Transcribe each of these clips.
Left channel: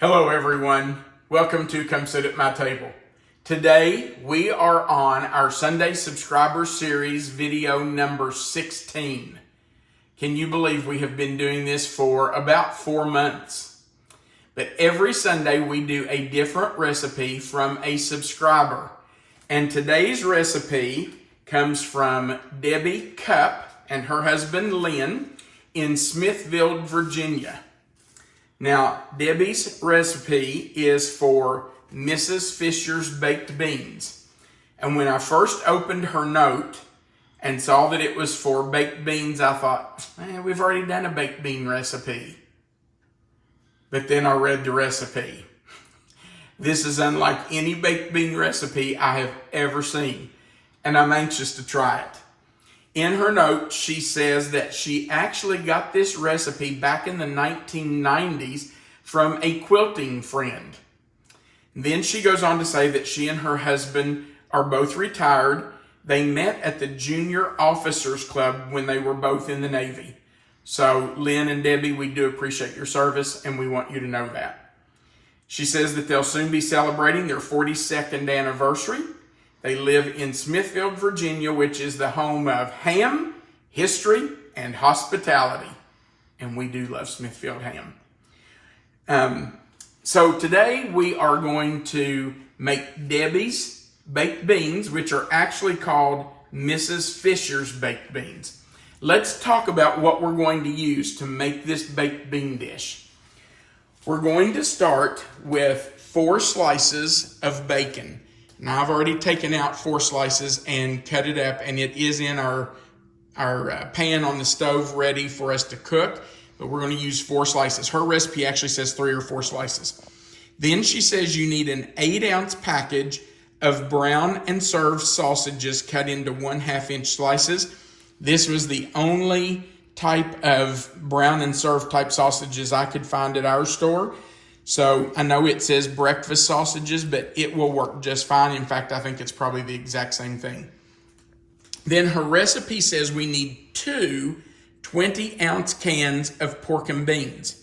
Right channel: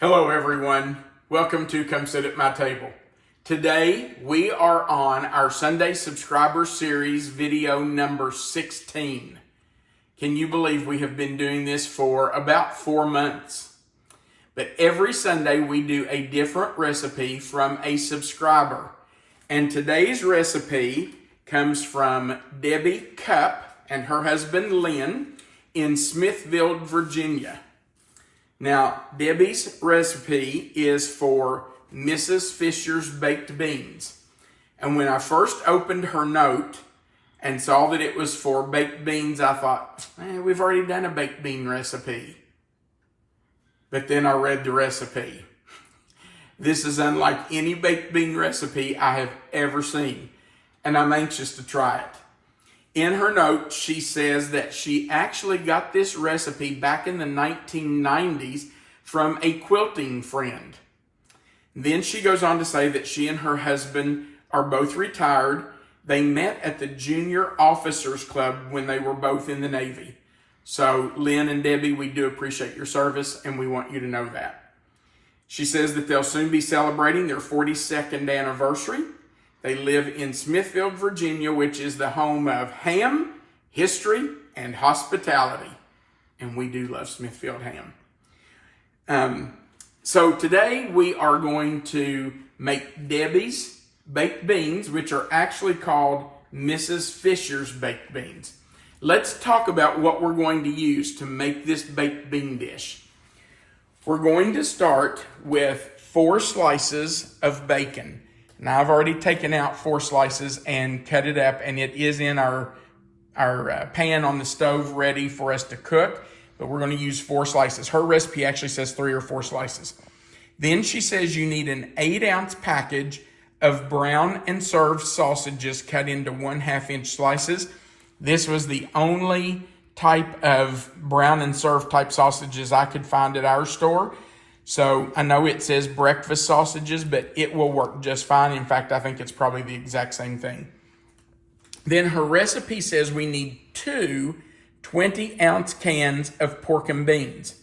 Hello everyone, welcome to Come Sit at My Table. Today we are on our Sunday Subscriber Series video number 16. Can you believe we have been doing this for about 4 months? But every Sunday we do a different recipe from a subscriber. And today's recipe comes from Debbie Cupp and her husband Lynn in Smithville, Virginia. Now, Debbie's recipe is for Mrs. Fisher's baked beans. And when I first opened her note and saw that it was for baked beans, I thought, we've already done a baked bean recipe. But then I read the recipe. This is unlike any baked bean recipe I have ever seen, and I'm anxious to try it. In her note, she says that she actually got this recipe back in the 1990s from a quilting friend. Then she goes on to say that she and her husband are both retired. They met at the Junior Officers Club when they were both in the Navy. So Lynn and Debbie, we do appreciate your service and we want you to know that. She says that they'll soon be celebrating their 42nd anniversary. They live in Smithville, Virginia, which is the home of ham, history, and hospitality. And we do love Smithfield ham. So today we are going to make Debbie's baked beans, which are actually called Mrs. Fisher's baked beans. Let's talk about what we're going to use to make this baked bean dish. We're going to start with 4 slices of bacon. Now, I've already taken out 4 slices and cut it up, and it is in our pan on the stove ready for us to cook, but we're going to use 4 slices. Her recipe actually says 3 or 4 slices. Then she says you need an 8-ounce package of brown and served sausages cut into 1/2-inch slices. This was the only type of brown and served type sausages I could find at our store. So I know it says breakfast sausages, but it will work just fine. In fact, I think it's probably the exact same thing. Then her recipe says we need 2 20-ounce cans of pork and beans.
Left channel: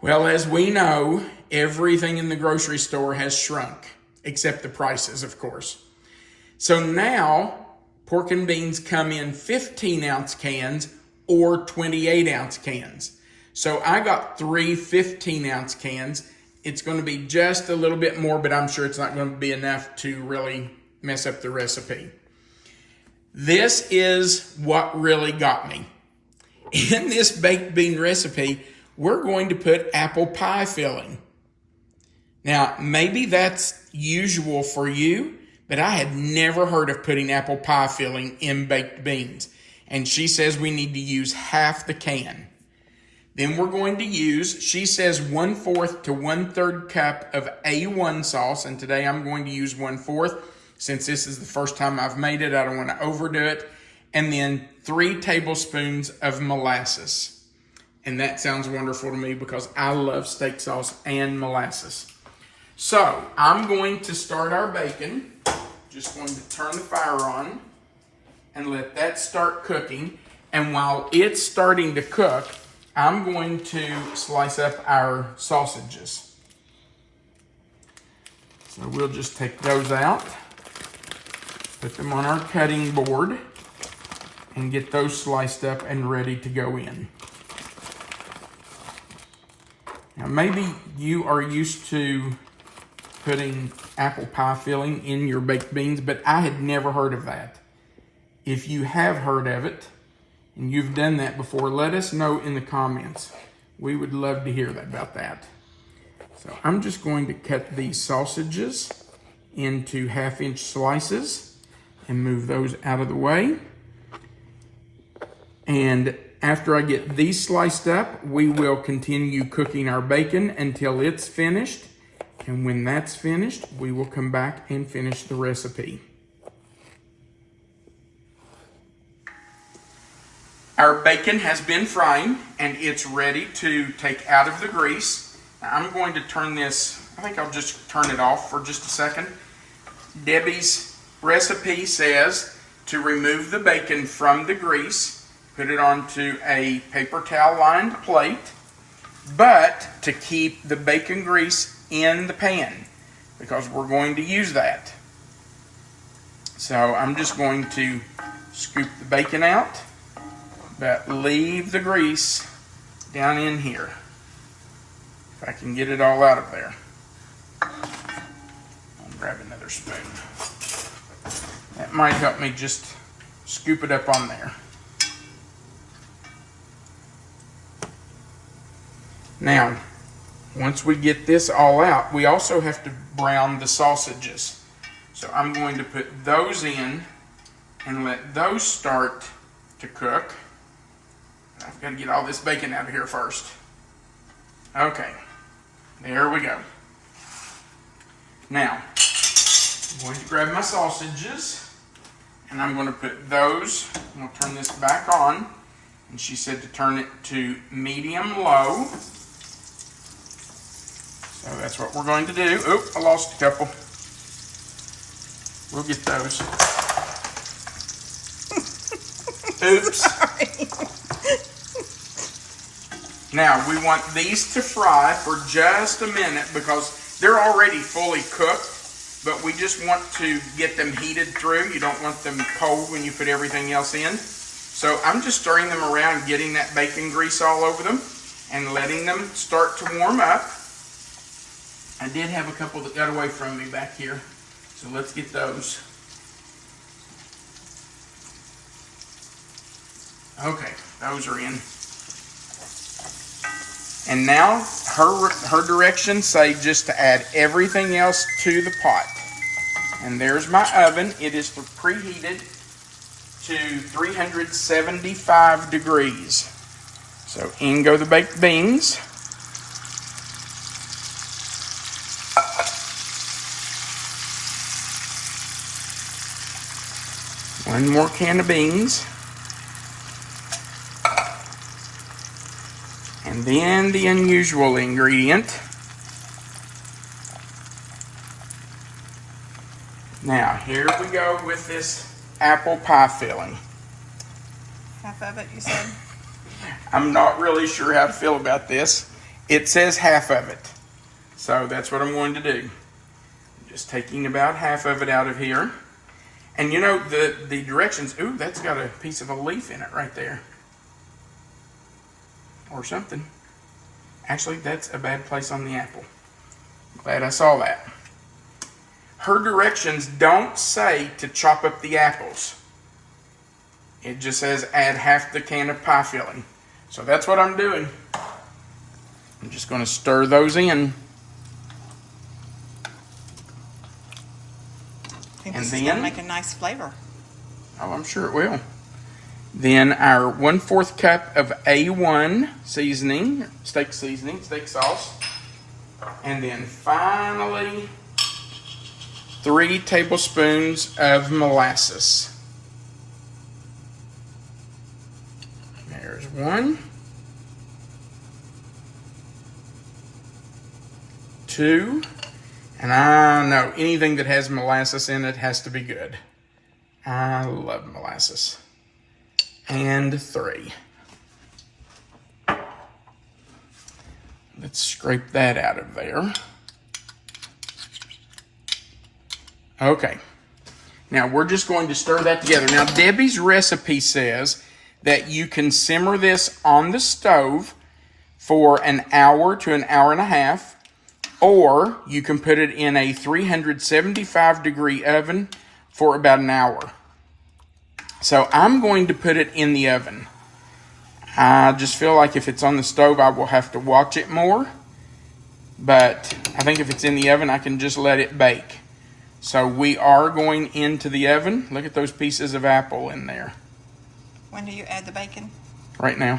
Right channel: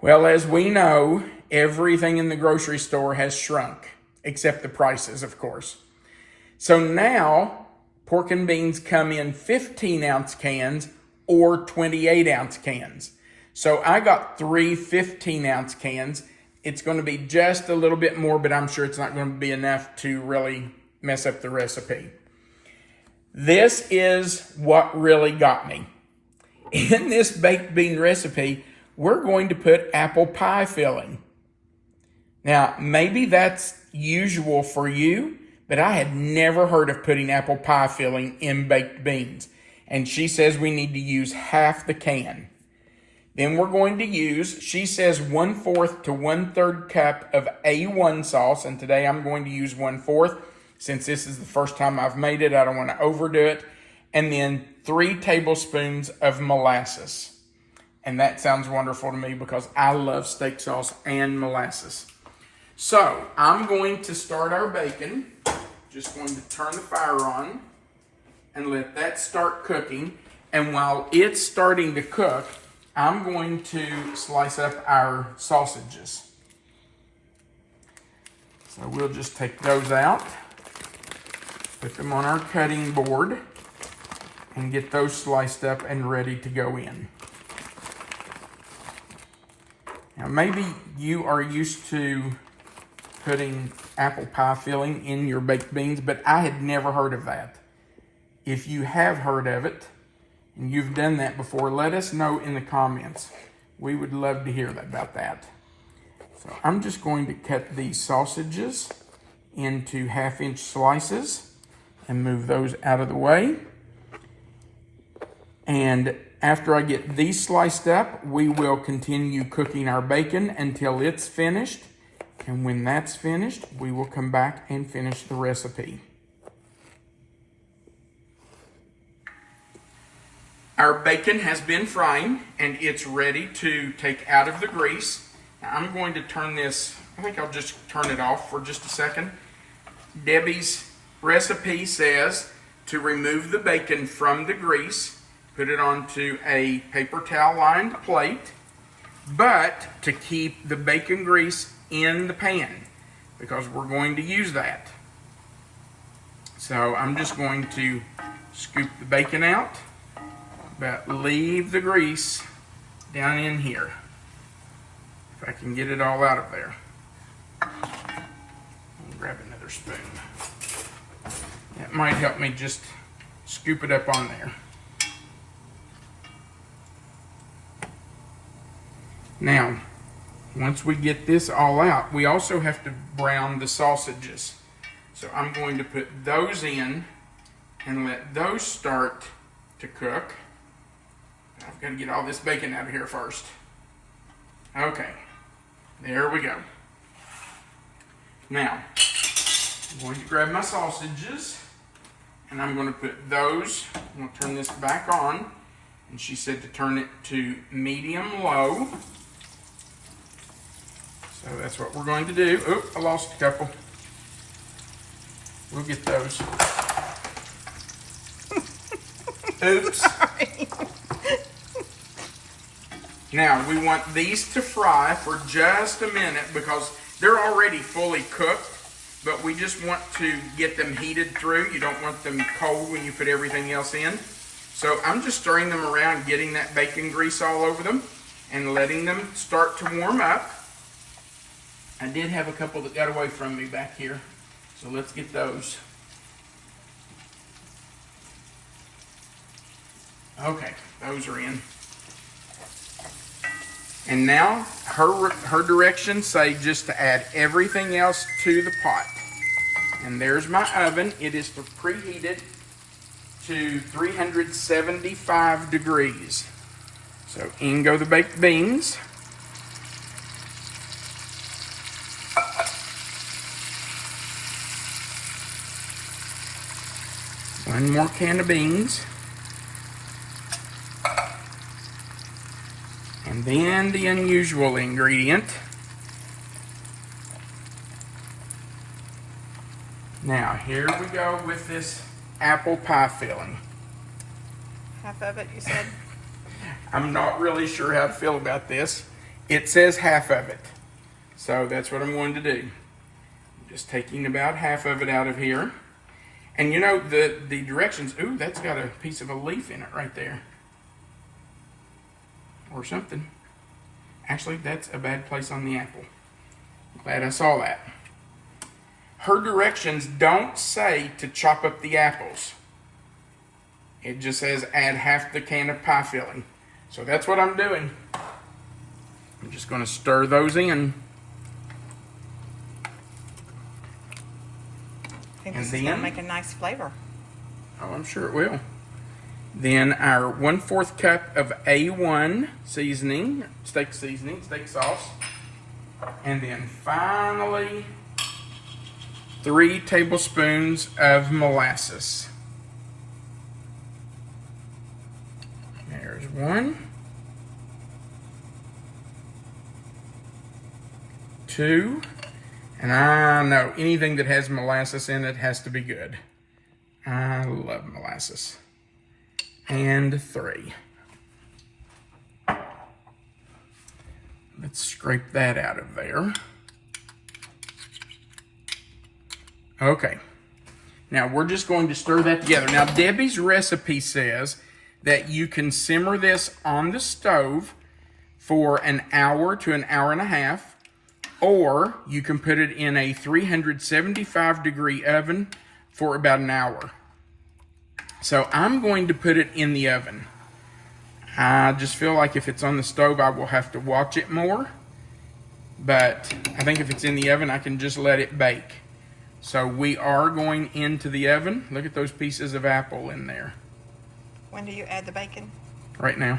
Well, as we know, everything in the grocery store has shrunk, except the prices, of course. So now pork and beans come in 15-ounce cans or 28-ounce cans. So I got 3 15-ounce cans. It's going to be just a little bit more, but I'm sure it's not going to be enough to really mess up the recipe. This is what really got me. In this baked bean recipe, we're going to put apple pie filling. Now, maybe that's usual for you, but I had never heard of putting apple pie filling in baked beans. And she says we need to use half the can. Then we're going to use, she says 1/4 to 1/3 cup of A1 sauce. And today I'm going to use 1/4. Since this is the first time I've made it, I don't want to overdo it. And then 3 tablespoons of molasses. And that sounds wonderful to me because I love steak sauce and molasses. So I'm going to start our bacon. Just going to turn the fire on and let that start cooking. And while it's starting to cook, I'm going to slice up our sausages. So we'll just take those out, put them on our cutting board, and get those sliced up and ready to go in. Now maybe you are used to putting apple pie filling in your baked beans, but I had never heard of that. If you have heard of it, and you've done that before, let us know in the comments. We would love to hear about that. So I'm just going to cut these sausages into 1/2-inch slices and move those out of the way. And after I get these sliced up, we will continue cooking our bacon until it's finished. And when that's finished, we will come back and finish the recipe. Our bacon has been frying and it's ready to take out of the grease. Now I'm going to turn this, I think I'll just turn it off for just a second. Debbie's recipe says to remove the bacon from the grease, put it onto a paper towel lined plate, but to keep the bacon grease in the pan, because we're going to use that. So I'm just going to scoop the bacon out, but leave the grease down in here. If I can get it all out of there. I'll grab another spoon. That might help me just scoop it up on there. Now, once we get this all out, we also have to brown the sausages. So I'm going to put those in and let those start to cook. I've got to get all this bacon out of here first. Okay, there we go. Now, I'm going to grab my sausages and I'm going to put those, I'm going to turn this back on. And she said to turn it to medium-low. So that's what we're going to do. Oop, I lost a couple. We'll get those. Oops. Sorry. Now, we want these to fry for just a minute because they're already fully cooked, but we just want to get them heated through. You don't want them cold when you put everything else in. So I'm just stirring them around, getting that bacon grease all over them and letting them start to warm up. I did have a couple that got away from me back here, so let's get those. Okay, those are in. And now her directions say just to add everything else to the pot. And there's my oven. It is preheated to 375 degrees. So in go the baked beans. One more can of beans. And then the unusual ingredient. Now, here we go with this apple pie filling. Half of it, you said? I'm not really sure how to feel about this. It says half of it. So that's what I'm going to do. I'm just taking about half of it out of here. And you know, the directions, ooh, that's got a piece of a leaf in it right there. Or something. Actually, that's a bad place on the apple. I'm glad I saw that. Her directions don't say to chop up the apples. It just says add half the can of pie filling. So that's what I'm doing. I'm just going to stir those in. I think this is going to make a nice flavor. Oh, I'm sure it will. Then our 1/4 cup of A1 seasoning, steak sauce. And then finally, 3 tablespoons of molasses. There's 1, 2, and I know anything that has molasses in it has to be good. I love molasses. And 3. Let's scrape that out of there. Okay. Now we're just going to stir that together. Now Debbie's recipe says that you can simmer this on the stove for an hour to an hour and a half, or you can put it in a 375 degree oven for about an hour. So I'm going to put it in the oven. I just feel like if it's on the stove, I will have to watch it more. But I think if it's in the oven, I can just let it bake. So we are going into the oven. Look at those pieces of apple in there. When do you add the bacon? Right now.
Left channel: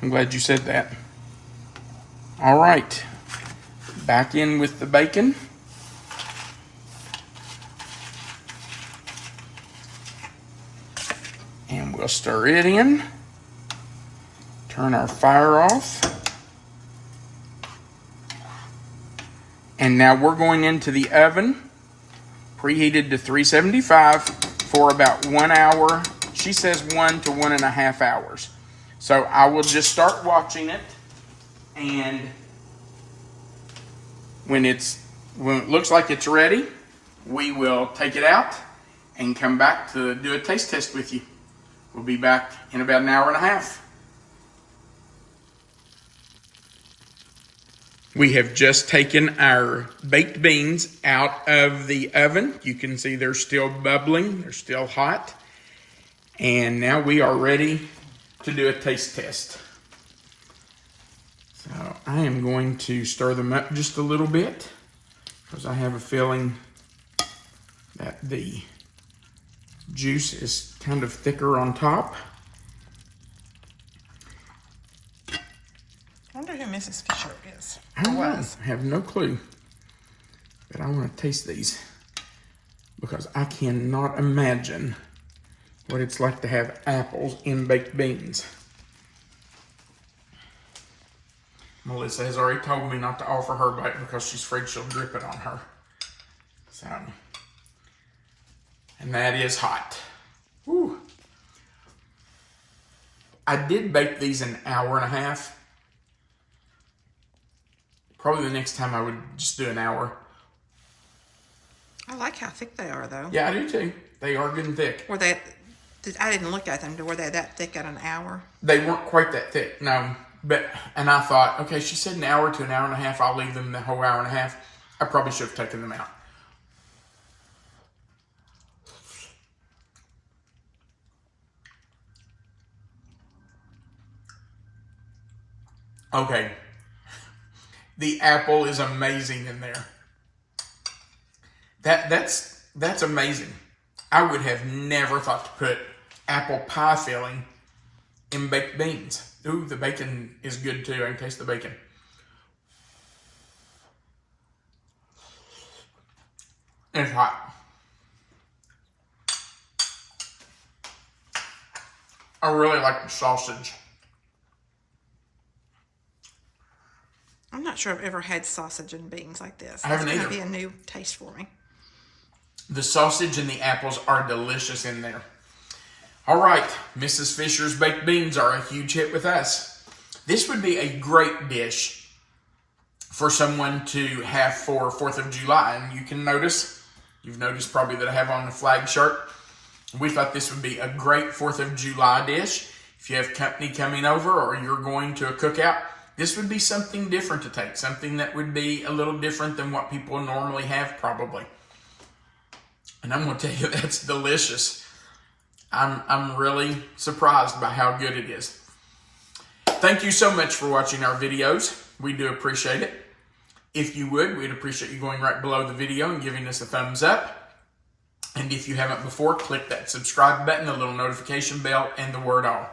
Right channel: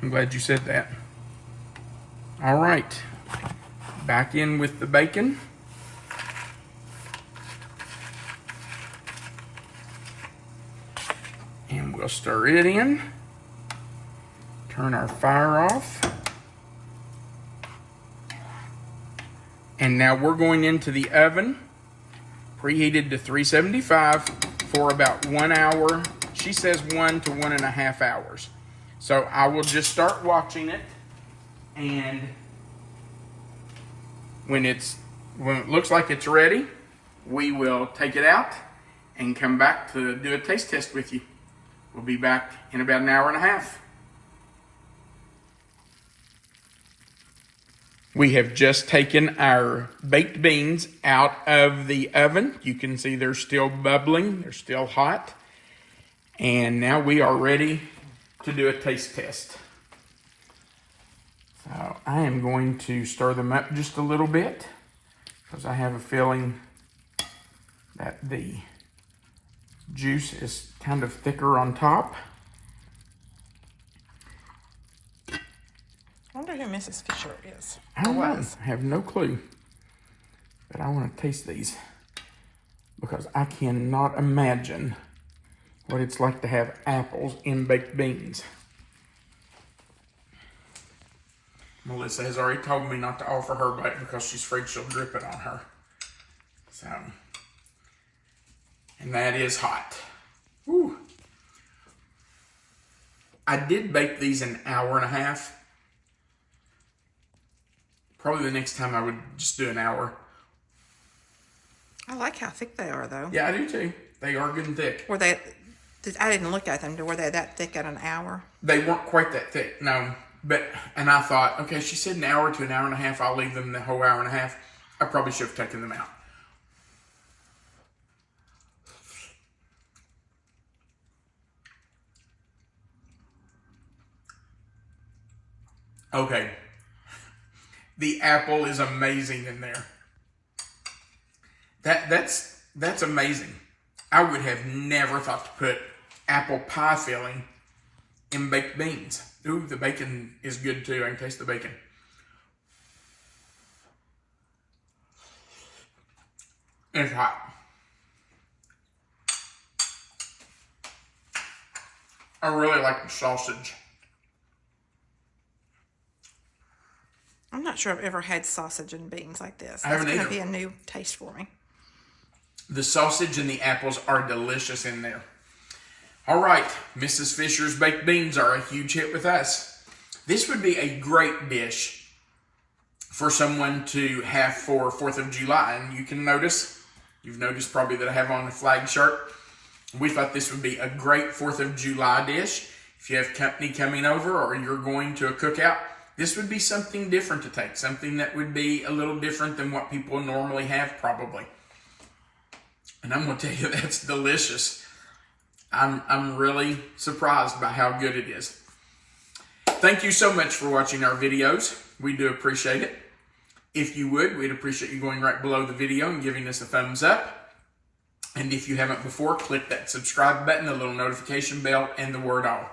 I'm glad you said that. All right. Back in with the bacon. And we'll stir it in. Turn our fire off. And now we're going into the oven, preheated to 375 for about 1 hour. She says 1 to 1.5 hours. So I will just start watching it. And when it looks like it's ready, we will take it out and come back to do a taste test with you. We'll be back in about an hour and a half. We have just taken our baked beans out of the oven. You can see they're still bubbling, they're still hot. And now we are ready to do a taste test. So I am going to stir them up just a little bit because I have a feeling that the juice is kind of thicker on top. I wonder who Mrs. Fisher is. I don't know. I have no clue. But I want to taste these because I cannot imagine what it's like to have apples in baked beans. Melissa has already told me not to offer her bite because she's afraid she'll drip it on her. So, and that is hot. Woo. I did bake these an hour and a half. Probably the next time I would just do an hour. I like how thick they are, though. Yeah, I do too. They are good and thick. Were they? I didn't look at them. Were they that thick at an hour? They weren't quite that thick, no. And I thought, okay, she said an hour to an hour and a half. I'll leave them the whole hour and a half. I probably should have taken them out. Okay. The apple is amazing in there. That's amazing. I would have never thought to put apple pie filling in baked beans. Ooh, the bacon is good too. I can taste the bacon. It's hot. I really like the sausage. I'm not sure I've ever had sausage and beans like this. I haven't It's going either. to be a new taste for me. The sausage and the apples are delicious in there. All right, Mrs. Fisher's baked beans are a huge hit with us. This would be a great dish for someone to have for 4th of July. And you've noticed probably that I have on a flag shirt. We thought this would be a great 4th of July dish. If you have company coming over or you're going to a cookout, this would be something different to take. Something that would be a little different than what people normally have probably. And I'm going to tell you, that's delicious. I'm really surprised by how good it is. Thank you so much for watching our videos. We do appreciate it. If you would, we'd appreciate you going right below the video and giving us a thumbs up. And if you haven't before, click that subscribe button, the little notification bell, and the word all.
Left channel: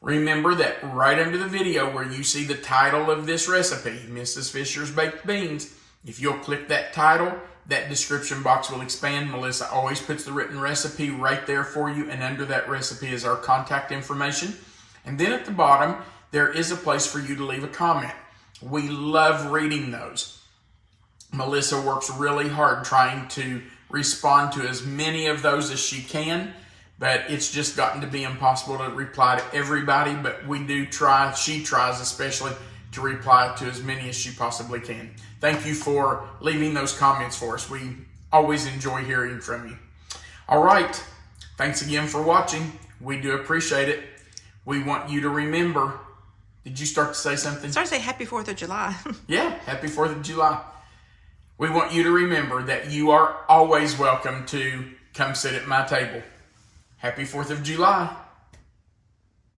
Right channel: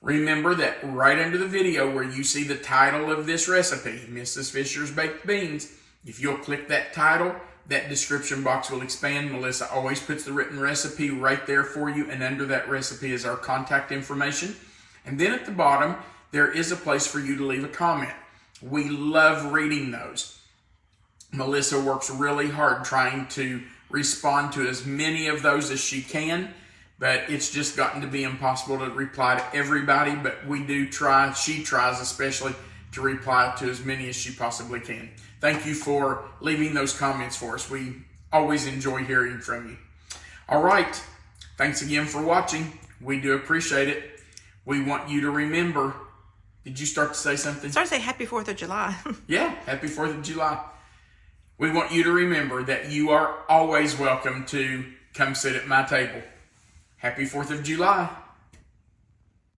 Remember that right under the video where you see the title of this recipe, Mrs. Fisher's Baked Beans, if you'll click that title, that description box will expand. Melissa always puts the written recipe right there for you, and under that recipe is our contact information. And then at the bottom, there is a place for you to leave a comment. We love reading those. Melissa works really hard trying to respond to as many of those as she can, but it's just gotten to be impossible to reply to everybody, but we do try, she tries especially, to reply to as many as she possibly can. Thank you for leaving those comments for us. We always enjoy hearing from you. All right. Thanks again for watching. We do appreciate it. We want you to remember. Did you start to say something? Start to say Happy 4th of July. Yeah, happy 4th of July. We want you to remember that you are always welcome to come sit at my table. Happy 4th of July.